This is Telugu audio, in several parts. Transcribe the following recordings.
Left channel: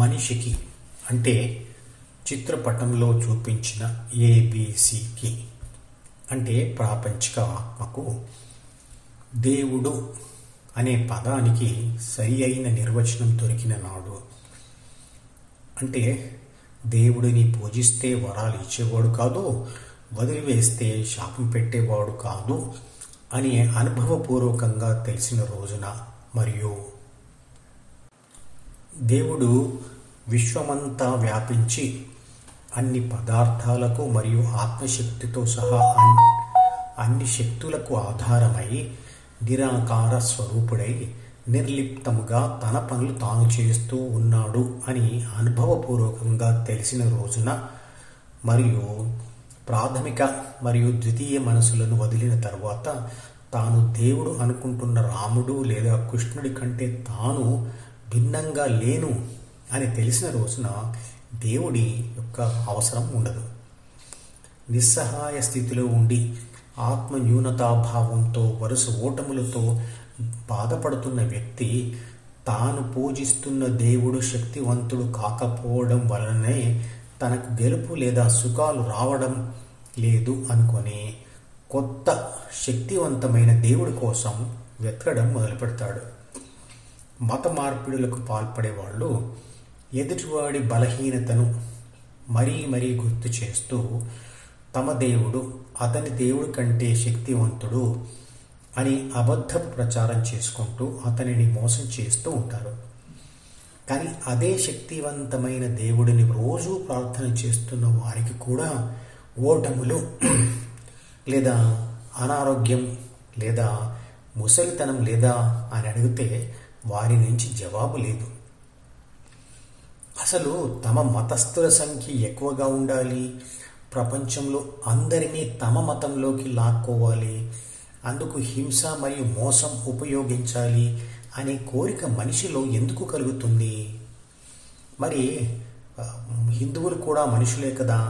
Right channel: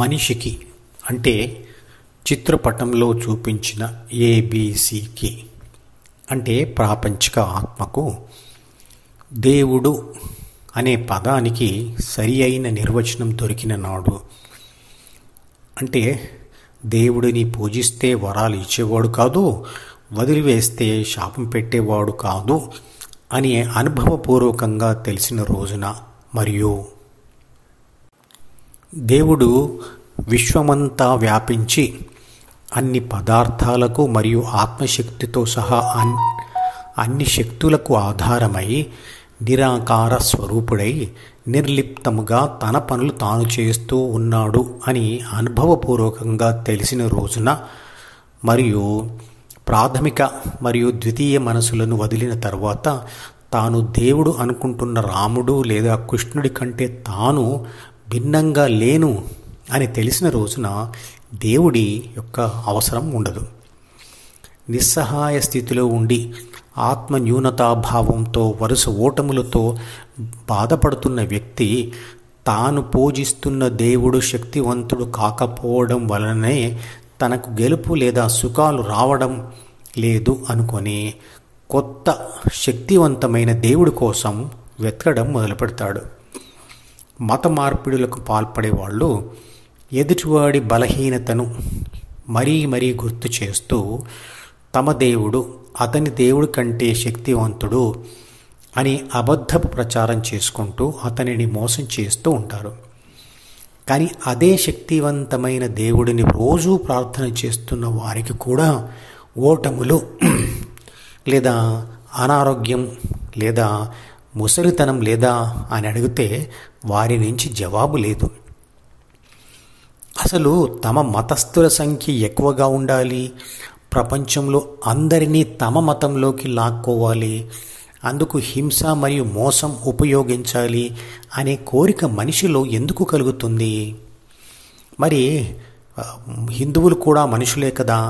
మనిషికి అంటే చిత్రపటంలో చూపించిన ఏబిసికి అంటే ప్రాపంచిక ఆత్మకు దేవుడు అనే పదానికి సరి అయిన నిర్వచనం దొరికిన నాడు, అంటే దేవుడిని పూజిస్తే వరాలు ఇచ్చేవాడు కాదు, వదిలివేస్తే శాపం పెట్టేవాడు కాదు అని అనుభవపూర్వకంగా తెలిసిన రోజున, మరియు దేవుడు విశ్వమంతా వ్యాపించి అన్ని పదార్థాలకు మరియు ఆత్మశక్తితో సహా అన్ని శక్తులకు ఆధారమై నిరాకార స్వరూపుడై నిర్లిప్తముగా తన పనులు తాను చేస్తూ ఉన్నాడు అని అనుభవపూర్వకంగా తెలిసిన రోజున, మరియు ప్రాథమిక మరియు ద్వితీయ మనసులను వదిలిన తర్వాత తాను దేవుడు అనుకుంటున్న రాముడు లేదా కృష్ణుడి కంటే తాను భిన్నంగా లేను అని తెలిసిన రోజున దేవుడి యొక్క అవసరం ఉండదు. నిస్సహాయ స్థితిలో ఉండి ఆత్మ న్యూనతాభావంతో వరుస ఓటములతో బాధపడుతున్న వ్యక్తి తాను పూజిస్తున్న దేవుడు శక్తివంతుడు కాకపోవడం వలనే తనకు గెలుపు లేదా సుఖాలు రావడం లేదు అనుకొని కొత్త శక్తివంతమైన దేవుడి కోసం వెతకడం మొదలుపెడతాడు. మత మార్పిడులకు పాల్పడేవాళ్ళు ఎదుటివాడి బలహీనతను మరీ మరీ గుర్తు చేస్తూ తమ దేవుడు అతని దేవుడి కంటే శక్తివంతుడు అని అబద్ధపు ప్రచారం చేసుకుంటూ అతనిని మోసం చేస్తూ ఉంటారు. కానీ అదే శక్తివంతమైన దేవుడిని రోజూ ప్రార్థన చేస్తున్న వారికి కూడా ఓటములు లేదా అనారోగ్యం లేదా ముసలితనం లేదా అని అడిగితే వారి నుంచి జవాబు లేదు. అసలు తమ మతస్థుల సంఖ్య ఎక్కువగా ఉండాలి, ప్రపంచంలో అందరినీ తమ మతంలోకి లాక్కోవాలి, అందుకు హింస మరియు మోసం ఉపయోగించాలి అనే కోరిక మనిషిలో ఎందుకు కలుగుతుంది? మరి హిందువులు కూడా మనుషులే కదా,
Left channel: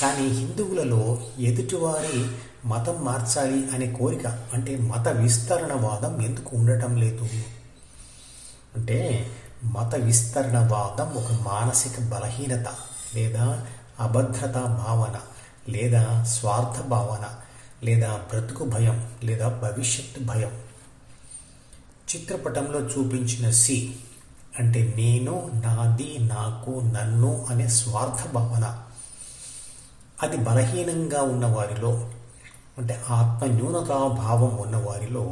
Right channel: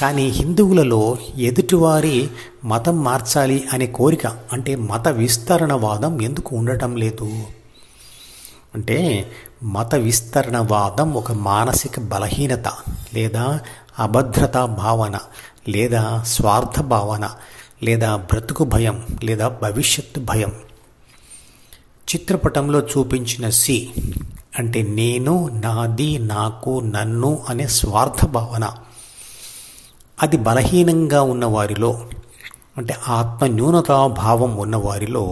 కానీ హిందువులలో ఎదుటివారి మతం మార్చాలి అనే కోరిక అంటే మత విస్తరణవాదం ఎందుకు ఉండటం లేదు? అంటే మత విస్తరణవాదం ఒక మానసిక బలహీనత లేదా అభద్రతా భావన లేదా స్వార్థ భావన లేదా బ్రతుకు భయం లేదా భవిష్యత్తు భయం. చిత్రపటంలో చూపించిన సి అంటే నేను, నాది, నాకు, నన్ను అనే స్వార్థ భావన. అది బలహీనంగా ఉన్నవారిలో అంటే ఆత్మ న్యూనతాభావం ఉన్నవారిలో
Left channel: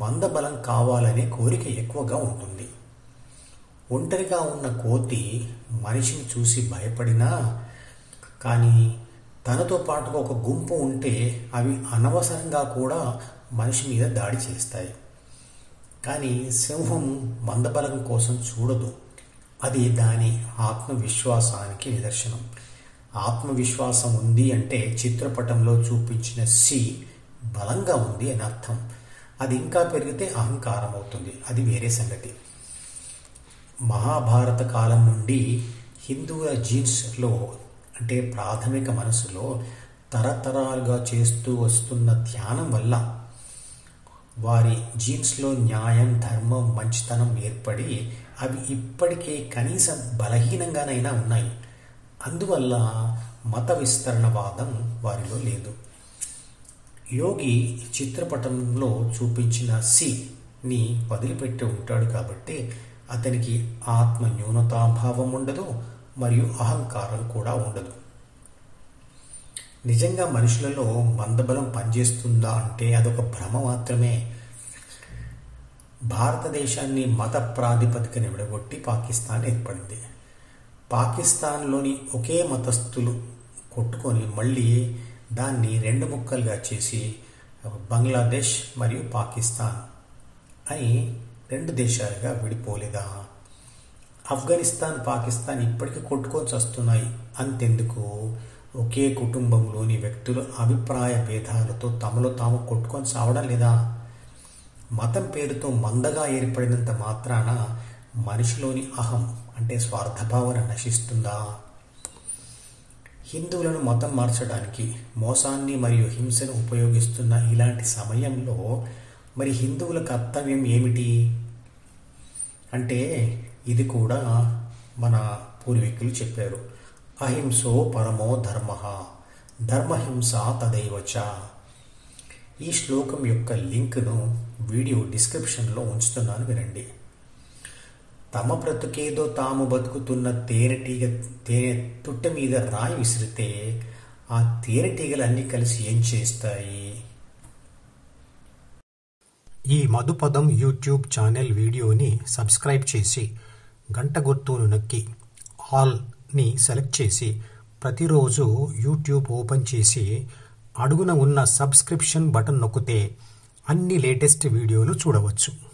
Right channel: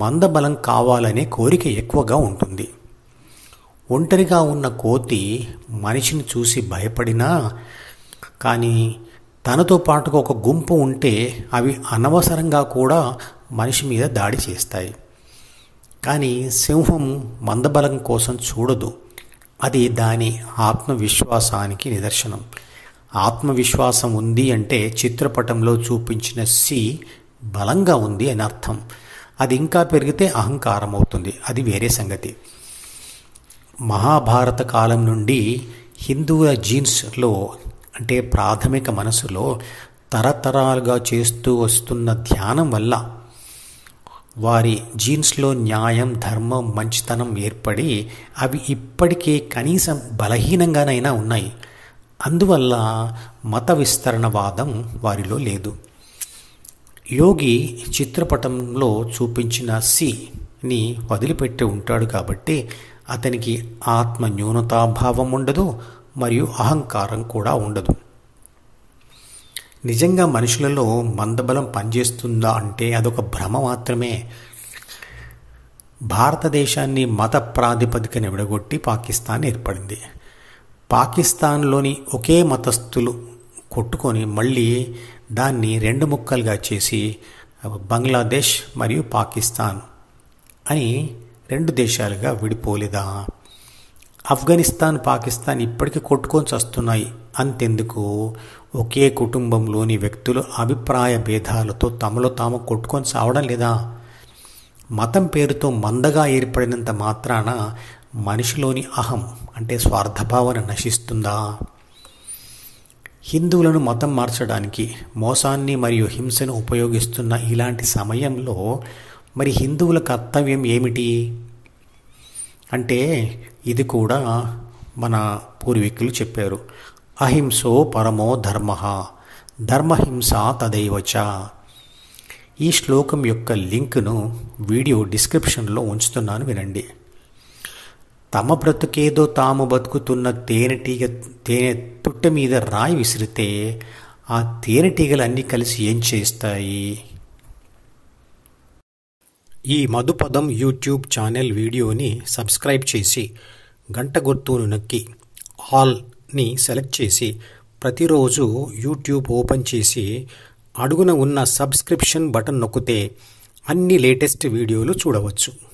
మందబలం కావాలనే కోరిక ఎక్కువగా ఉంటుంది. ఒంటరిగా ఉన్న కోతి మనిషిని చూసి భయపడినా, కానీ తనతో పాటుగా ఒక గుంపు ఉంటే అవి అనవసరంగా కూడా మనిషి మీద దాడి చేస్తాయి. కానీ సింహం మందబలం కోసం చూడదు, అది దాని ఆత్మవిశ్వాసానికి నిదర్శనం. ఆత్మవిశ్వాసం ఉంది అంటే చిత్రపటంలో చూపించిన సి బలంగా ఉంది అని అర్థం. అది ఇంకా పెరిగితే అహంకారం అవుతుంది, అది వేరే సంగతి. మహాభారత కాలం నుండి హిందువుల జీన్స్లో అంటే ప్రాథమిక మనసులో తరతరాలుగా చేస్తూ వస్తున్న ధ్యానం వల్ల వారి జీన్స్లో న్యాయం, ధర్మం, మంచితనం ఏర్పడి అవి ఇప్పటికే కనీసం బలహీనంగానైనా ఉన్నాయి. అందువల్ల మత విస్తరణవాదం వారిలో లేదు. యోగి చిత్రపటంలో చూపించిన సిని వదిలిపెట్టి ఉంటాడు కాబట్టి అతనికి ఆత్మ న్యూనతాభావం ఉండదు మరియు అహంకారం కూడా ఉండదు. నిజంగా మనుషులలో మందబలం పనిచేస్తుందా అంటే అదొక భ్రమ మాత్రమే. భారతదేశాన్ని మత ప్రాతిపదికన విడగొట్టి పాకిస్తాన్ ఏర్పడింది. పాకిస్తాన్లోని ఒకే మతస్థులు కొట్టుకొని మళ్ళీ దాన్ని రెండు ముక్కలుగా చేసి బంగ్లాదేశ్ మరియు పాకిస్తాన్ అని రెండు దేశాలుగా విడిపోలేదా? ఆఫ్ఘనిస్తాన్, పాకిస్తాన్ ఇప్పటికీ కొట్టుకొని చస్తున్నాయి. అంతెందుకు, ఒకే కుటుంబంలోని వ్యక్తులు అభిప్రాయ భేదాలతో తమలో తాము కొట్టుకొని చావడం లేదా? మతం పేరుతో మందగా ఏర్పడినంత మాత్రాన మనిషిలోని అహం అంటే స్వార్థభావన నశిస్తుందా? హిందువులను మతం మార్చడానికి మోసాన్ని మరియు హింసను ఉపయోగిస్తున్న ఇలాంటి సమయంలో మరి హిందువుల కర్తవ్యం ఏమిటి? అంటే ఇది కూడా మన పూర్వీకులు చెప్పారు. అహింసో పరమో ధర్మ, ధర్మహింస తదైవచ. ఈ శ్లోకం యొక్క లింక్ను వీడియో డిస్క్రిప్షన్లో ఉంచుతున్నాను, వినండి. తమ బ్రతుకేదో తాము బతుకుతున్న తేనె పుట్ట మీద రాయి విసిరితే ఆ తేనెటీగలన్నీ కలిసి ఏం చేస్తాయి? ఈ మధుపదం యూట్యూబ్ ఛానల్ వీడియోని సబ్స్క్రైబ్ చేసి గంట గుర్తును నొక్కి ఆల్ని సెలెక్ట్ చేసి ప్రతిరోజు యూట్యూబ్ ఓపెన్ చేసి అడుగున ఉన్న సబ్స్క్రిప్షన్ బటన్ నొక్కితే అన్ని లేటెస్ట్ వీడియోలు చూడవచ్చు.